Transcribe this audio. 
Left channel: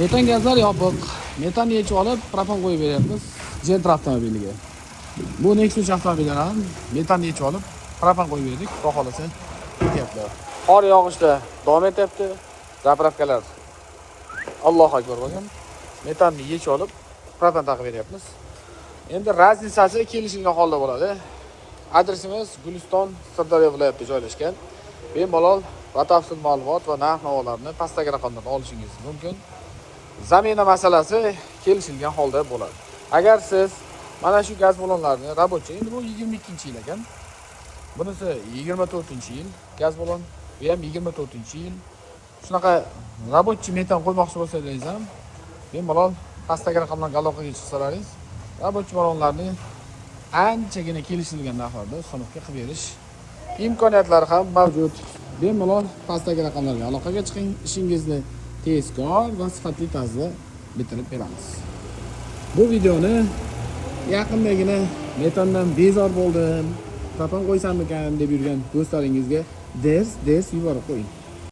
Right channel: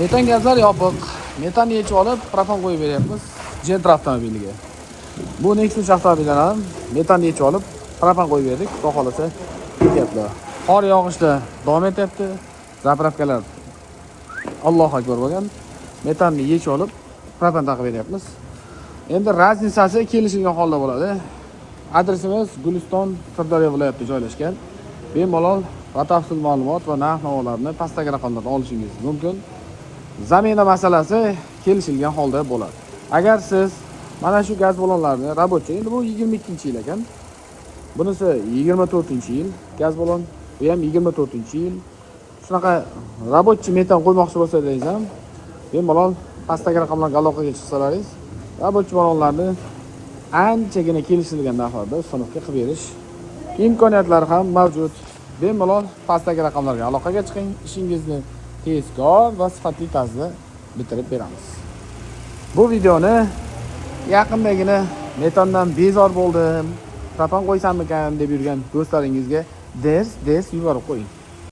Metan gazlar yopiq. Metanni yechib olib, propan qo'yib beryapmiz Gentra avtomobiliga. Bu Nexus avtomobilidan ham metanni yechib olib, propan qo'yib berdik. Xudo xolasa ketyapti. Qor yog'ishda davom etyapti. Zapravkalar Allohu akbar bo'lgan. Metanni yechib olib, propan taqib beryapmiz. Endi raznisasi kelishilgan holda bo'ladi. Adresimiz Guliston, Sirdaryo viloyatida joylashgan. Bemalol batafsil ma'lumot va narx-navolarni pastdagi raqamlardan olishingiz mumkin. Zamina masalasi kelishilgan holda bo'ladi. Agar siz mana shu gaz ballonlarni рабочий, endi bu 22-yil ekan. Bunisi 24-yil gaz ballon, bu ham 24-yil. Shunaqa рабочий metan qo'ymoqchi bo'lsangiz ham bemalol pastdagi raqamlarga aloqaga chiqsalaringiz, рабочий ballonlarni anchagina kelishilgan narxlarda sinfga qilib berish imkoniyatlari ham mavjud. Bemalol pastdagi raqamlarga aloqaga chiqing, ishingizni tezkor va sifatli tarzda bitirib beramiz. Bu videoni yaqindagina metandan bezor bo'ldim, propan qo'ysammikan deb yurgan do'stlaringizga ders yuborib qo'ying.